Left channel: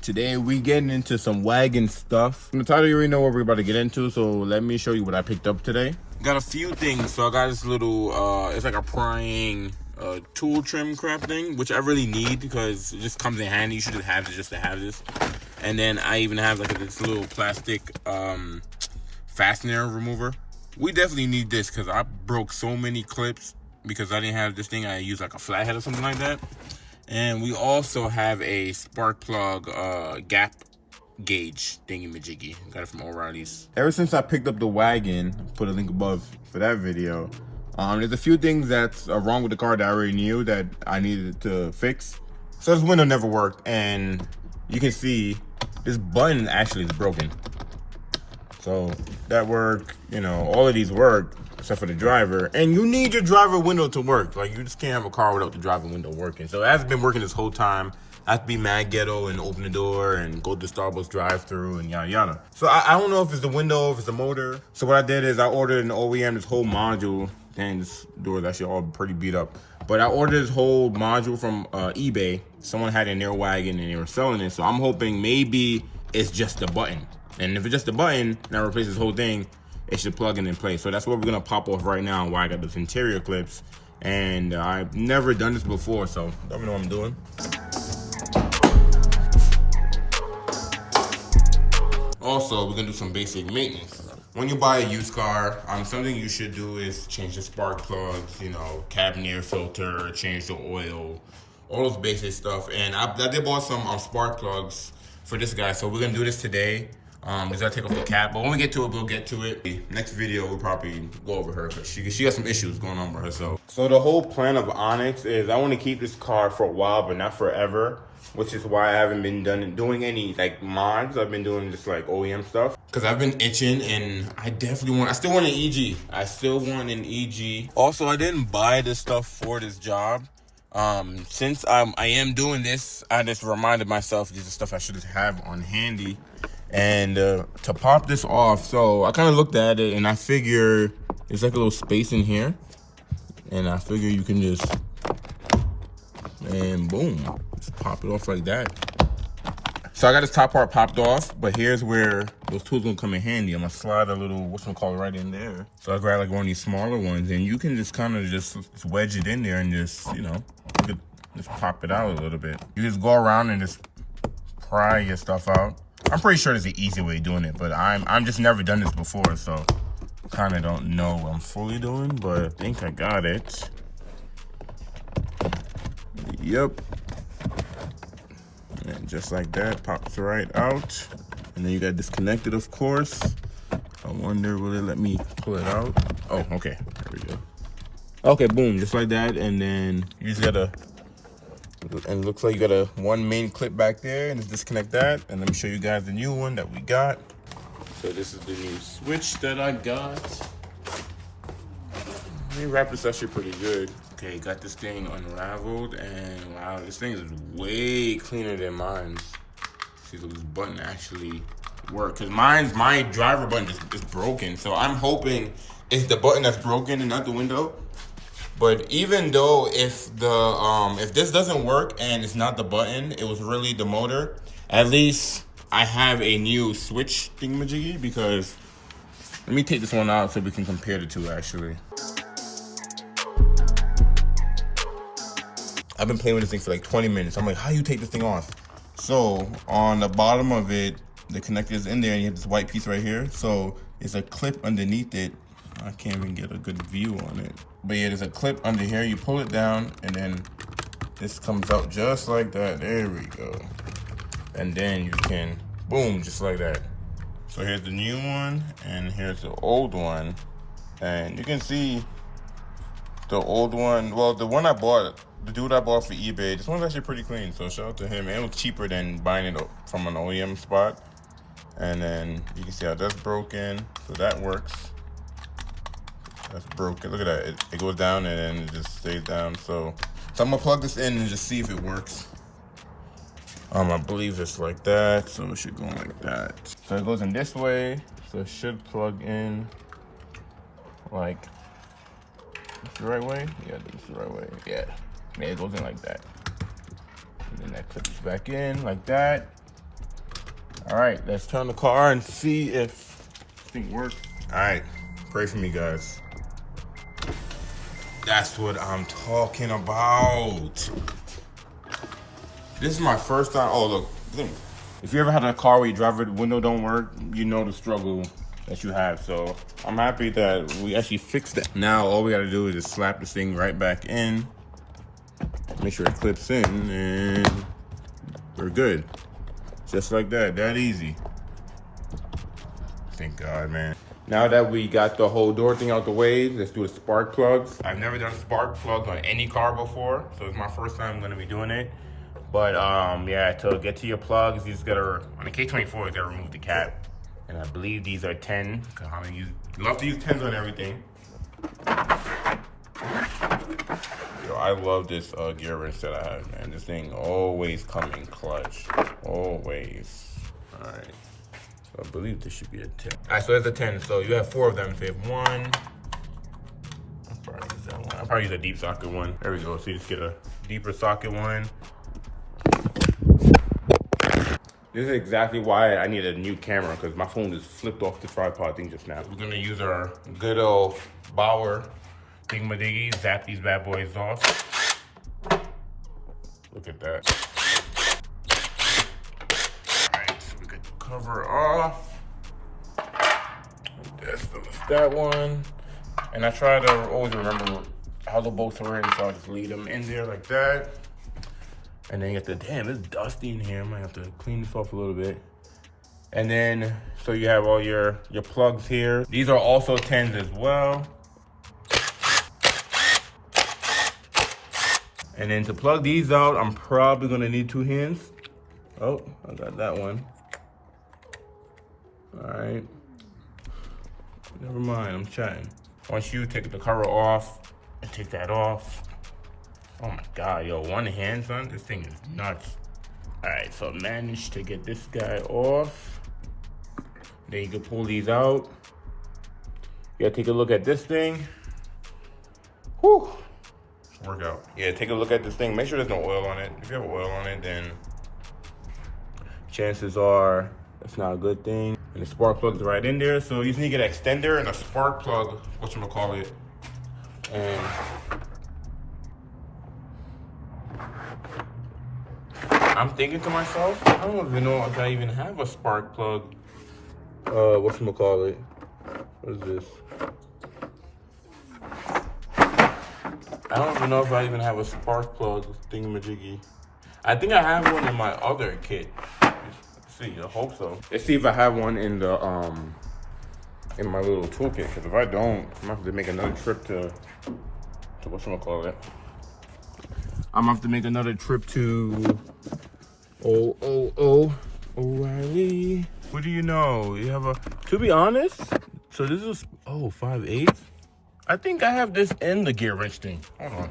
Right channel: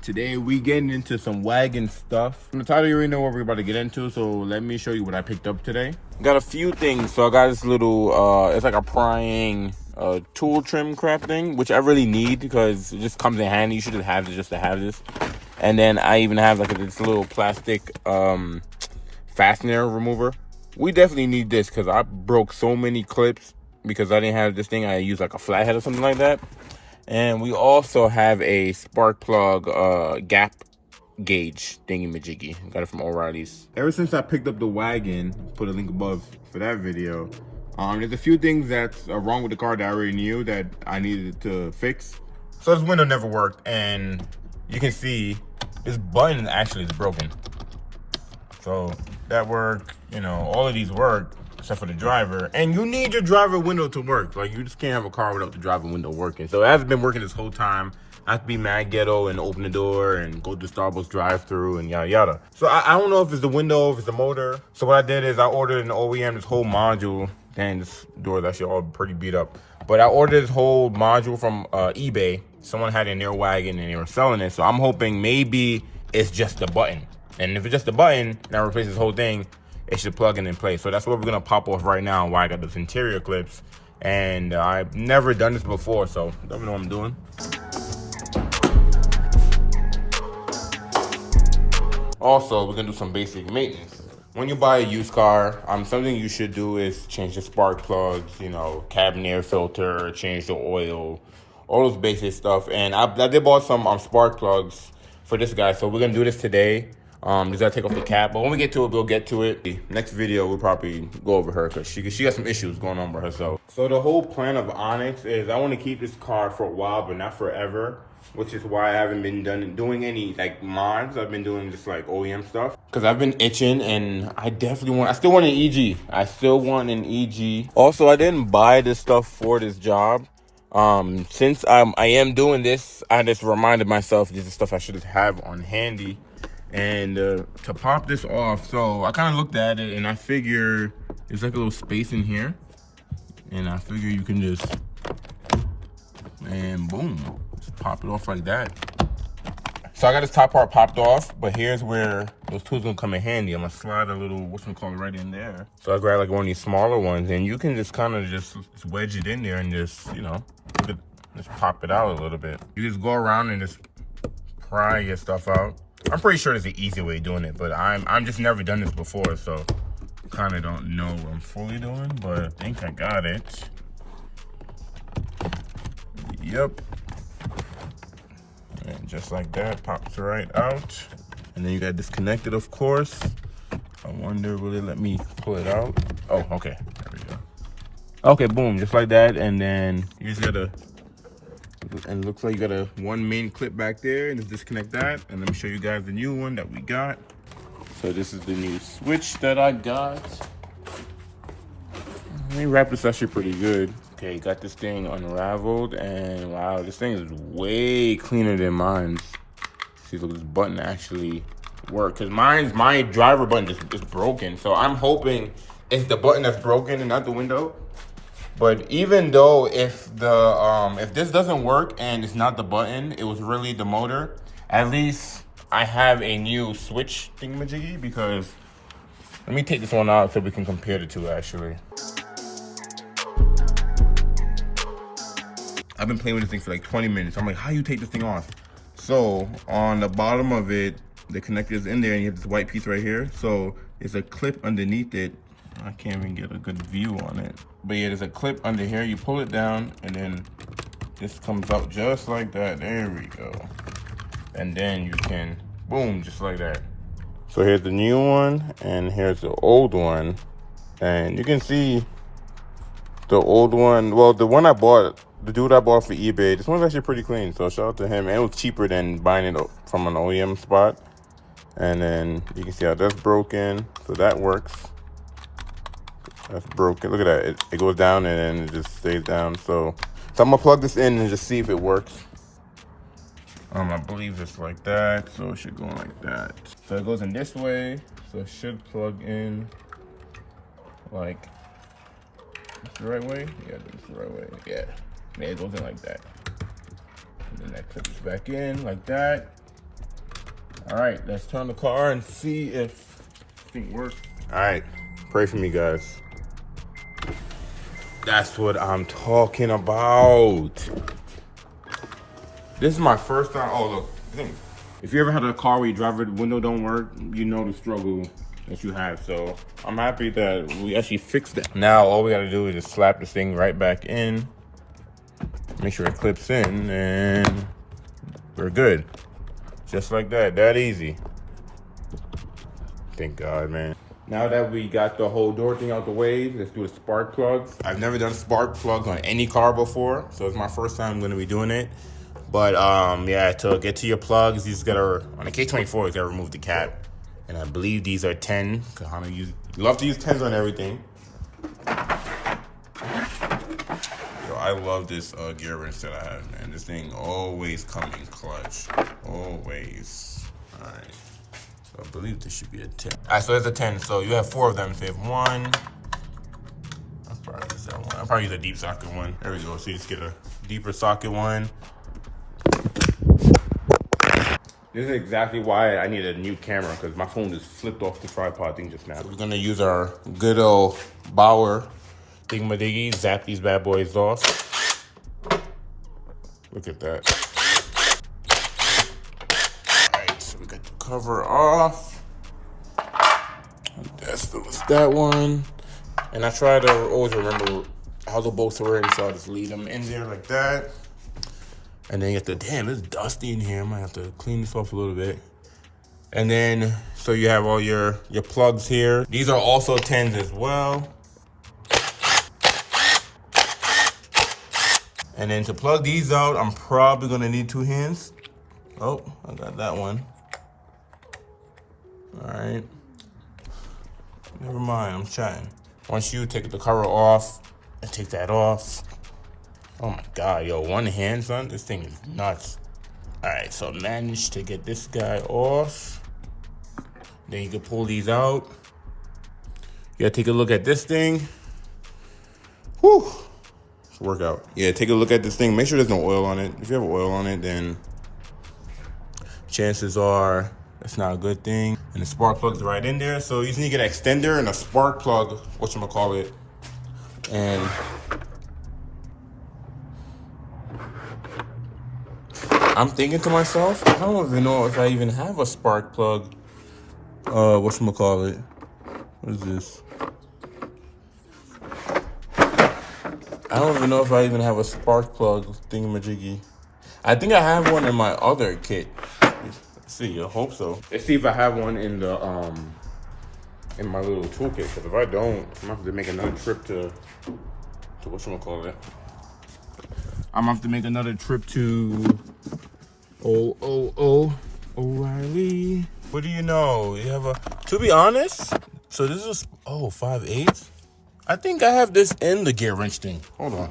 Today we getting into some wagon stuff. In the title, you already know what we're about to get into, so let me show you what I picked up today. Got a few things. So I got this little, it's like a prying tool trim crap thing, which I really need because it just comes in handy. You should just have this just to have this. And then I even have like this little plastic fastener remover. We definitely need this because I broke so many clips because I didn't have this thing. I used like a flathead or something like that. And we also have a spark plug gap gauge thingy-majiggy. Got it from O'Reilly's. Ever since I picked up the wagon, put a link above for that video, there's a few things that's wrong with the car that I already knew that I needed to fix. So this window never worked, and you can see this button actually is broken. So that worked, you know, all of these work except for the driver, and you need your driver window to work. Like, you just can't have a car without the driver window working. So it hasn't been working this whole time. I have to be mad ghetto and open the door and go to the Starbucks drive-through and yada yada. So I don't know if it's the window, if it's the motor. So what I did is I ordered an OEM, this whole module. Dang, this door is actually all pretty beat up. But I ordered this whole module from eBay. Someone had it in their wagon and they were selling it. So I'm hoping maybe it's just the button. And if it's just the button that replaces this whole thing, it should plug in place. So that's what we're gonna pop off right now while I got those interior clips. And I've never done this before, so let me know what I'm doing. Also, we're gonna do some basic maintenance. When you buy a used car, something you should do is change the spark plugs, you know, cabin air filter, change the oil, all those basic stuff. And I did bought some spark plugs for this guy, so we're gonna do this today. Just gotta take off the cap, but when we get to it, we'll get to it. Next video, we'll probably go over her because she got some issues going on with herself. So the whole plan of Onyx is I want to keep this car for a while, but not forever, which is why I haven't been doing any like mods. I've been doing just like OEM stuff because I've been itching, and I still want an EG. I still want an EG. Also, I didn't buy this stuff for this job. Since I am doing this, I just reminded myself this is stuff I should just have on handy. And to pop this off, so I kind of looked at it and I figure there's like a little space in here, and I figure you can just, and boom, just pop it off like that. So I got this top part popped off, but here's where those tools gonna come in handy. I'm gonna slide a little whatchamacallit right in there. So I grab like one of these smaller ones, and you can just kind of just wedge it in there and just, you know, just pop it out a little bit. You just go around and just pry your stuff out. I'm pretty sure there's an easy way of doing it, but I'm just never done this before, so kind of don't know what I'm fully doing, but I think I got it. Yep. And just like that, pops right out. And then you got disconnected, of course. I wonder, will it let me pull it out? Oh, okay, there we go. Okay, boom, just like that, and then you just gotta, and it looks like you got one main clip back there, and just disconnect that. And let me show you guys the new one that we got. So this is the new switch that I got. Let me wrap this actually pretty good. Okay, got this thing unraveled, and wow, this thing is way cleaner than mine. See, look, this button actually works. Cause my driver button is broken. So I'm hoping it's the button that's broken and not the window. But even though if this doesn't work and it's not the button, it was really the motor, at least I have a new switch thingamajiggy, because let me take this one out so we can compare the two actually. I've been playing with this thing for like 20 minutes. I'm like, how do you take this thing off? So on the bottom of it, the connector is in there, and you have this white piece right here. So there's a clip underneath it. I can't even get a good view on it. But yeah, there's a clip under here. You pull it down, and then this comes out just like that. There we go. And then you can, boom, just like that. So here's the new one, and here's the old one. And you can see the old one, well, the one I bought, the dude I bought for eBay, this one's actually pretty clean. So shout out to him. And it was cheaper than buying it from an OEM spot. And then you can see how that's broken. So that works. That's broken. Look at that. It goes down and then it just stays down. So I'm gonna plug this in and just see if it works. I believe it's like that, so it should go like that. So it goes in this way, so it should plug in like This the right way? Yeah, this is the right way. Yeah. Man, it goes in like that. And then that clips back in like that. All right, let's turn the car and see if this thing works. All right, pray for me, guys. That's what I'm talking about. This is my first time. Oh, look. If you ever had a car where you drive it, the window don't work, you know the struggle that you have. So I'm happy that we actually fixed it. Now all we gotta do is just slap this thing right back in. Make sure it clips in, and we're good. Just like that, that easy. Thank God, man. Now that we got the whole door thing out the way, let's do the spark plugs. I've never done spark plugs on any car before, so it's my first time I'm gonna be doing it. But yeah, to get to your plugs, you just gotta, on the K24, you gotta remove the cap. And I believe these are 10, because you love to use 10s on everything. Yo, I love this gear wrench that I have, man. This thing always coming clutch, always. All right. I believe this should be a 10. All right, so there's a 10. So you have 4 of them. So you have 1. I'll probably use that one. I'll probably use a deep socket one. There we go. So you just get a deeper socket one. This is exactly why I need a new camera, because my phone just flipped off the tripod thing just now. So we're gonna use our good old Bauer thingamadiggy, zap these bad boys off. Look at that. Cover off. That's that one. And I try to always remember how the bolts are ready, so I just leave them in there like that. And then you have to, damn, it's dusty in here. I might have to clean this off a little bit. And then, so you have all your plugs here. These are also 10s as well. And then to plug these out, I'm probably gonna need 2 hands. Oh, I got that one. All right, never mind, I'm chatting. Once you take the cover off, and take that off. Oh my God, yo, one hand, son, this thing is nuts. All right, so managed to get this guy off. Then you can pull these out. You gotta take a look at this thing. Whew, it's a workout. Yeah, take a look at this thing, make sure there's no oil on it. If you have oil on it, then chances are it's not a good thing. And the spark plug's right in there. So you need an extender and a spark plug, whatchamacallit. And I'm thinking to myself, I don't even know if I even have a spark plug. Whatchamacallit. What is this? I don't even know if I even have a spark plug thingamajiggy. I think I have one in my other kit. See, I hope so. Let's see if I have one in the in my little toolkit, because if I don't, I'm gonna have to make another trip to whatchamacallit. I'm gonna have to make another trip to O'Reilly. What do you know? You have a, to be honest, so this is 5/8. I think I have this in the gear wrench thing. Hold on.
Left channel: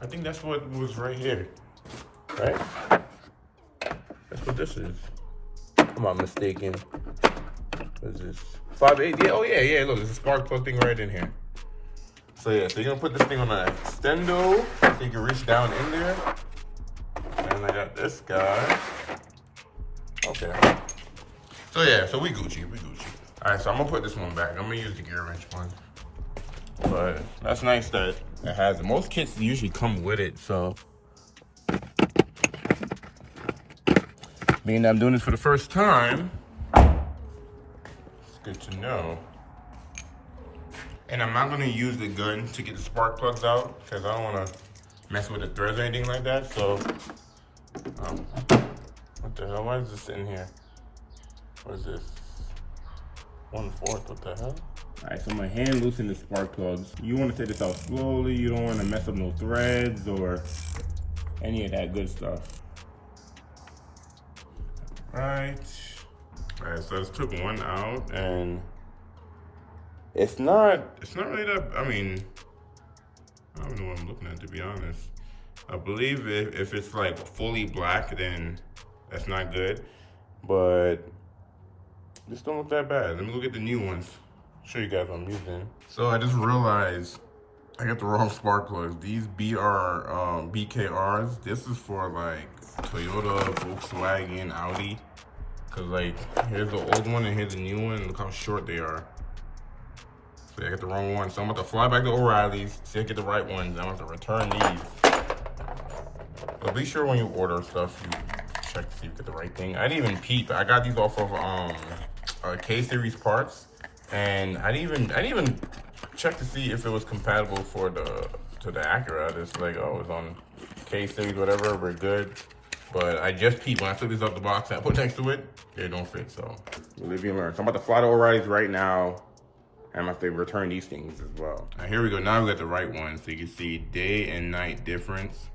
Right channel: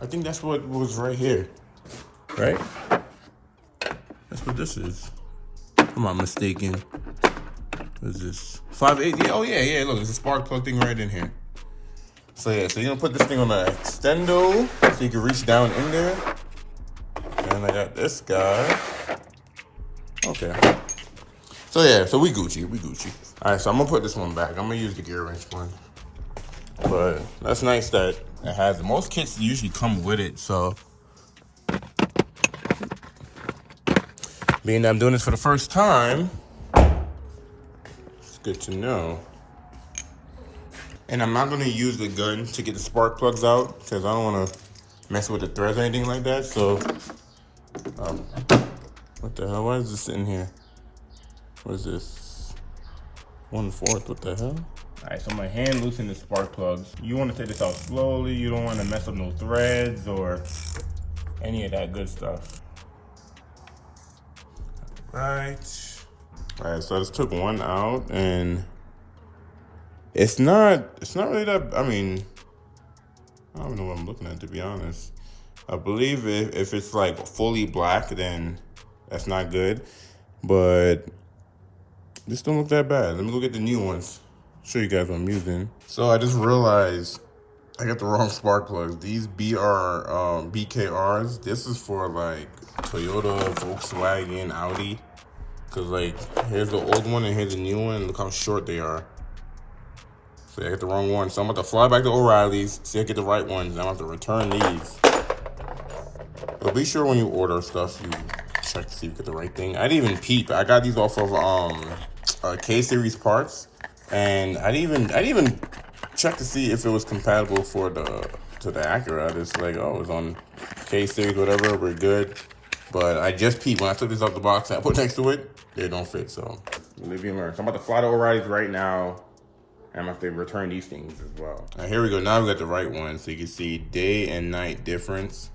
I think that's what was right here. Right? That's what this is. I'm not mistaken. What is this? 5/8? Yeah, oh yeah, look, there's a spark plug thing right in here. So yeah, so you're gonna put this thing on an extendo so you can reach down in there. And I got this guy. Okay. So yeah, so we Gucci. All right, so I'm gonna put this one back. I'm gonna use the gear wrench one. But that's nice that it has, most kits usually come with it, so. Being that I'm doing this for the first time, it's good to know. And I'm not gonna use the gun to get the spark plugs out, because I don't wanna mess with the threads or anything like that, so. What the hell, why is this in here? What is this? 1/4, what the hell? All right, so my hand loosened the spark plugs. You wanna take this out slowly, you don't wanna mess up no threads or any of that good stuff. Right. All right, so I just took one out, and it's not really that, I mean, I don't know what I'm looking at, to be honest. I believe if it's like fully black, then that's not good, but this don't look that bad. Let me look at the new ones. show you guys what I'm using. So I just realized I got the wrong spark plugs. These BKRs, this is for like Toyota, Volkswagen, Audi. Cause like, here's the old one and here's the new one. Look how short they are. So I got the wrong one. So I'm about to fly back to O'Reilly's, see if I get the right ones. I'm about to return these. But be sure when you order stuff, you check to see if you get the right thing. I didn't even peep. I got these off of K-series parts, and I didn't even check to see if it was compatible for the Acura. I just like, oh, it was on K-series, whatever. We're good. But I just peeped when I took this out the box. I put next to it, they don't fit. So live and learn. So I'm about to fly to O'Reilly's right now. I'm about to return these things as well. Now here we go. Now we got the right one, so you can see day and night difference.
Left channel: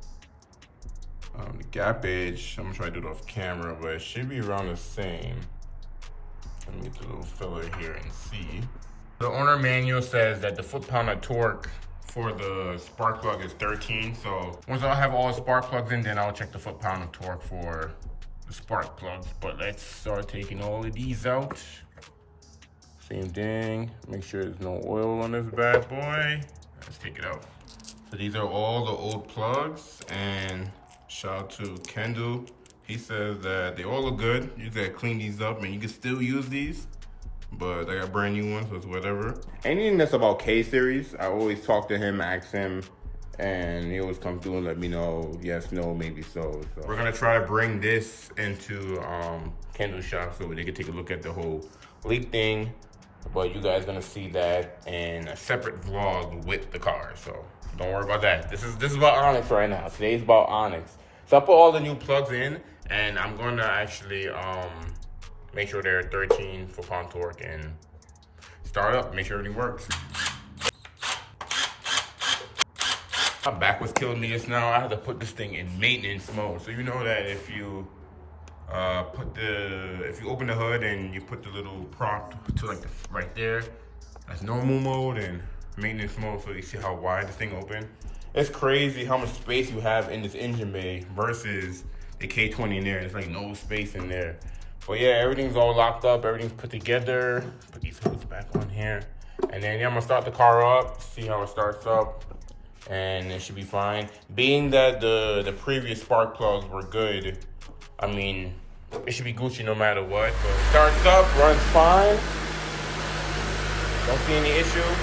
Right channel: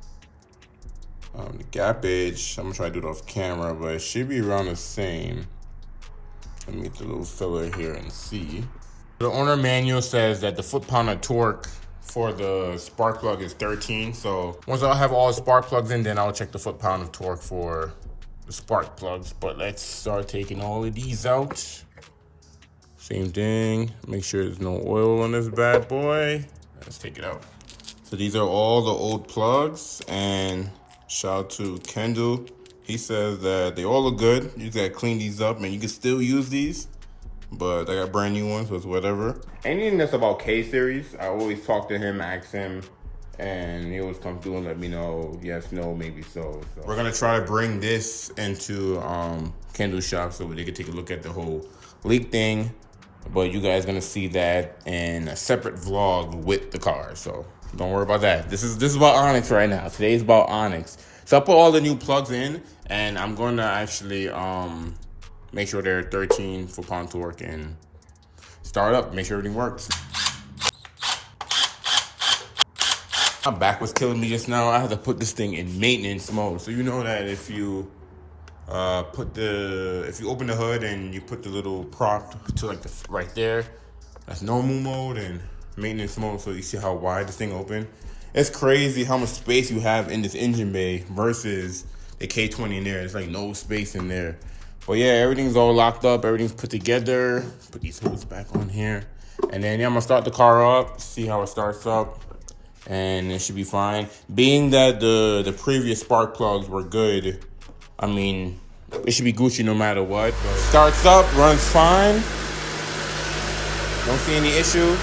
The gap edge, I'm gonna try to do it off camera, but it should be around the same. Let me get the little filler here and see. The owner manual says that the foot-pound of torque for the spark plug is 13. So once I have all the spark plugs in, then I'll check the foot-pound of torque for the spark plugs. But let's start taking all of these out. Same thing, make sure there's no oil on this bad boy. Let's take it out. So these are all the old plugs, and shout out to Kendall. He says that they all look good. You just gotta clean these up and you can still use these, but I got brand new ones, so it's whatever. Anything that's about K-series, I always talk to him, ask him, and he always comes through and let me know, yes, no, maybe so. We're gonna try to bring this into Kendall's shop so they can take a look at the whole leak thing, but you guys gonna see that in a separate vlog with the car, so don't worry about that. This is about Onyx right now. Today's about Onyx. So I put all the new plugs in, and I'm gonna actually make sure they're 13 foot-pound torque and start up, make sure everything works. My back was killing me just now. I had to put this thing in maintenance mode. So you know that if you if you open the hood and you put the little prop to like right there, that's normal mode, and maintenance mode, so you see how wide this thing open. It's crazy how much space you have in this engine bay versus the K20 in there. There's like no space in there. But yeah, everything's all locked up, everything's put together. Put these hoods back on here. And then yeah, I'm gonna start the car up, see how it starts up, and it should be fine. Being that the previous spark plugs were good, I mean, it should be Gucci no matter what. Starts up, runs fine. Don't see any issue.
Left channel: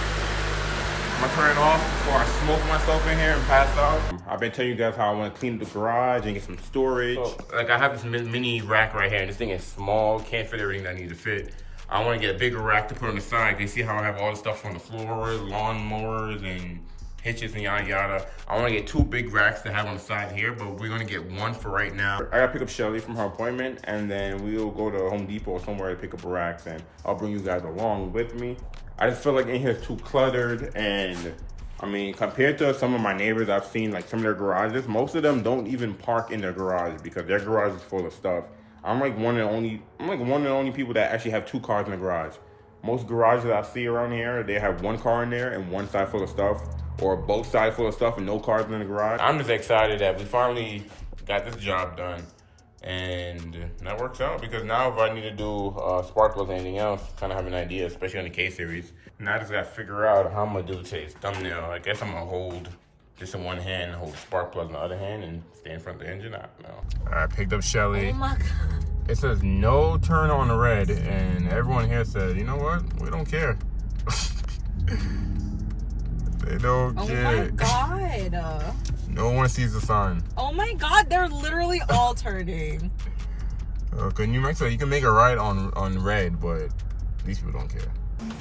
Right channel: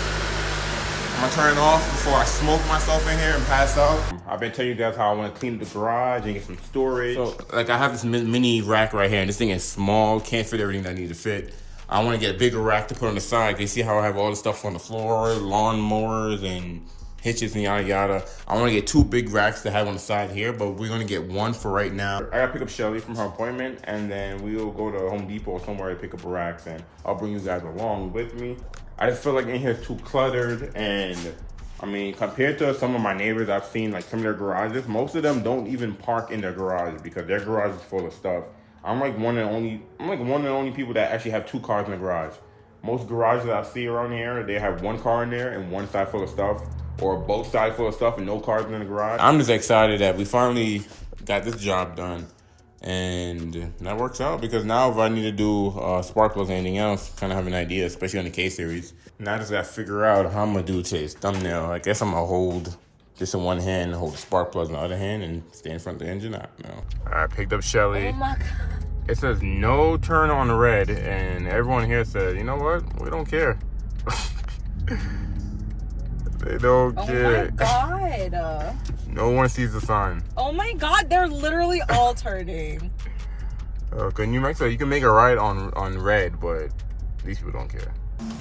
I'm gonna turn it off before I smoke myself in here and pass out. I've been telling you guys how I wanna clean the garage and get some storage. So, like I have this mini rack right here, and this thing is small, can't fit everything that needs to fit. I wanna get a bigger rack to put on the side. You see how I have all the stuff on the floor, lawnmowers and hitches and yada yada. I wanna get 2 big racks to have on the side here, but we're gonna get 1 for right now. I gotta pick up Shelly from her appointment, and then we'll go to Home Depot or somewhere to pick up a rack, and I'll bring you guys along with me. I just feel like in here is too cluttered, and I mean, compared to some of my neighbors I've seen, like some of their garages, most of them don't even park in their garage because their garage is full of stuff. I'm like one of the only people that actually have 2 cars in the garage. Most garages I see around here, they have 1 car in there and 1 side full of stuff, or both sides full of stuff and no cars in the garage. I'm just excited that we finally got this job done. And that works out because now if I need to do spark plugs or anything else, kind of have an idea, especially on the K-series. Now I just gotta figure out how I'm gonna do today's thumbnail. I guess I'm gonna hold this in one hand, hold the spark plugs in the other hand, and stay in front of the engine. I picked up Shelly. Oh my God. It says no turn on the red, and everyone here says, you know what? We don't care. They don't care. Oh my God. No one sees the sign. Oh my God, they're literally all turning. Can you make so you can make a right on red, but these people don't care.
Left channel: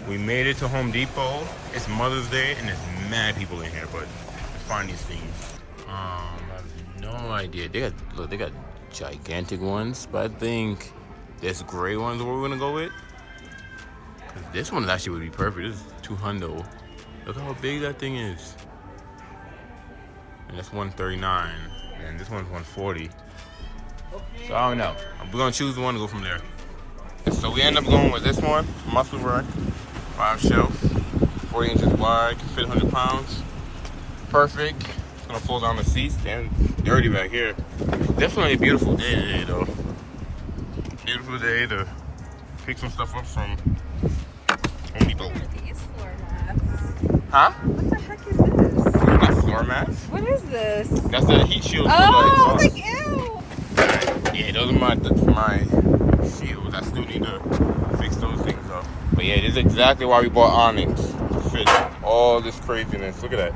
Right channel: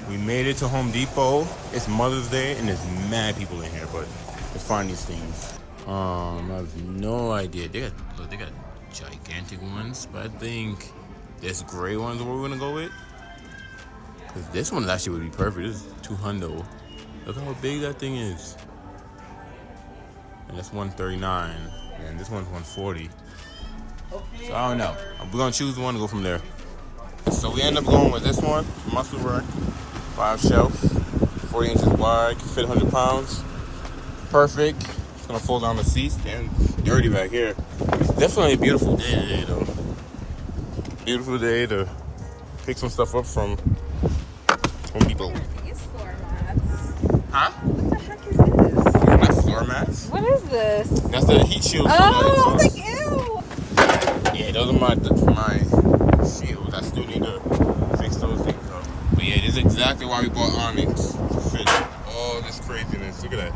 We made it to Home Depot. It's Mother's Day and there's mad people in here, but let's find these things. I have no idea. They got gigantic ones, but I think this gray one's what we're gonna go with. Cause this one actually would be perfect. This is 200. Look how big that thing is. And that's 139, and this one's 140. So I don't know. We're gonna choose one and go from there. So we end up going with this one, muscle rack, 5 shelves, 40 inches wide, can fit 100 pounds. Perfect. It's gonna fold down the seats. Damn, dirty back here. It's definitely a beautiful day today, though. Beautiful day to pick some stuff up from Home Depot. Huh? What the heck is this? That's floor mats. What is this? That's the heat shield for the Oh, exhaust. like ew. Yeah, those are my shields. I still need to fix those things up. But yeah, this is exactly why we bought awnings to fit all this craziness. Look at that.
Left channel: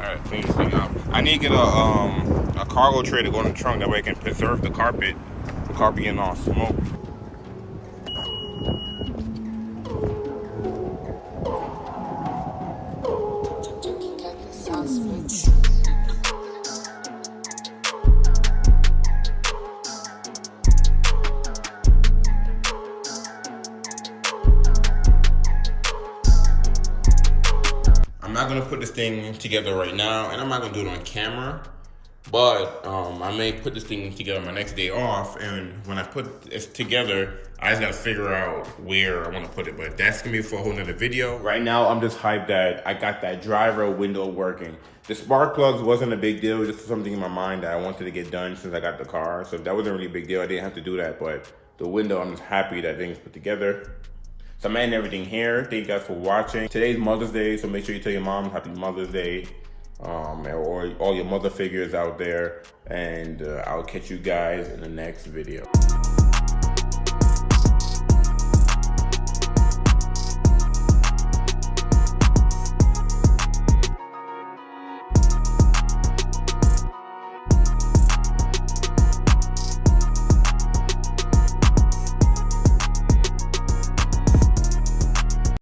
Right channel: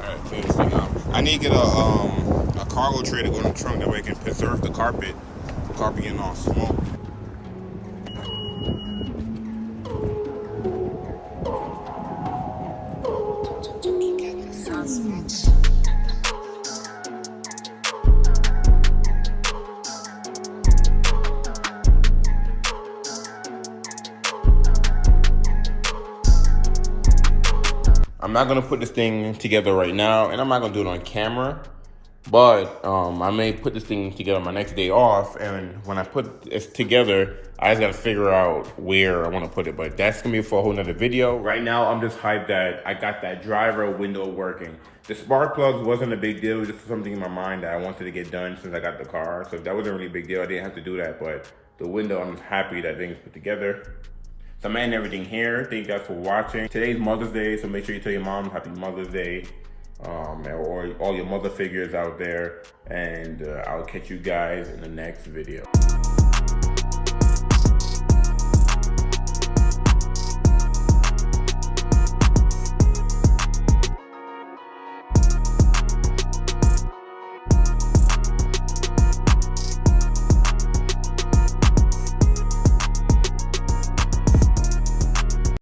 Alright, clean this thing out. I need to get a cargo tray to go in the trunk. That way I can preserve the carpet. The carpet getting all smoked. I'm not gonna put this thing together right now, and I'm not gonna do it on camera, but I may put this thing together my next day off, and when I put it together, I just gotta figure out where I wanna put it, but that's gonna be for a whole nother video. Right now, I'm just hyped that I got that driver window working. The spark plugs wasn't a big deal, it was just something in my mind that I wanted to get done since I got the car, so that wasn't really a big deal, I didn't have to do that, but the window, I'm just happy that thing's put together. So I'm ending everything here. Thank you guys for watching. Today's Mother's Day, so make sure you tell your mom Happy Mother's Day, or all your mother figures out there. And I'll catch you guys in the next video.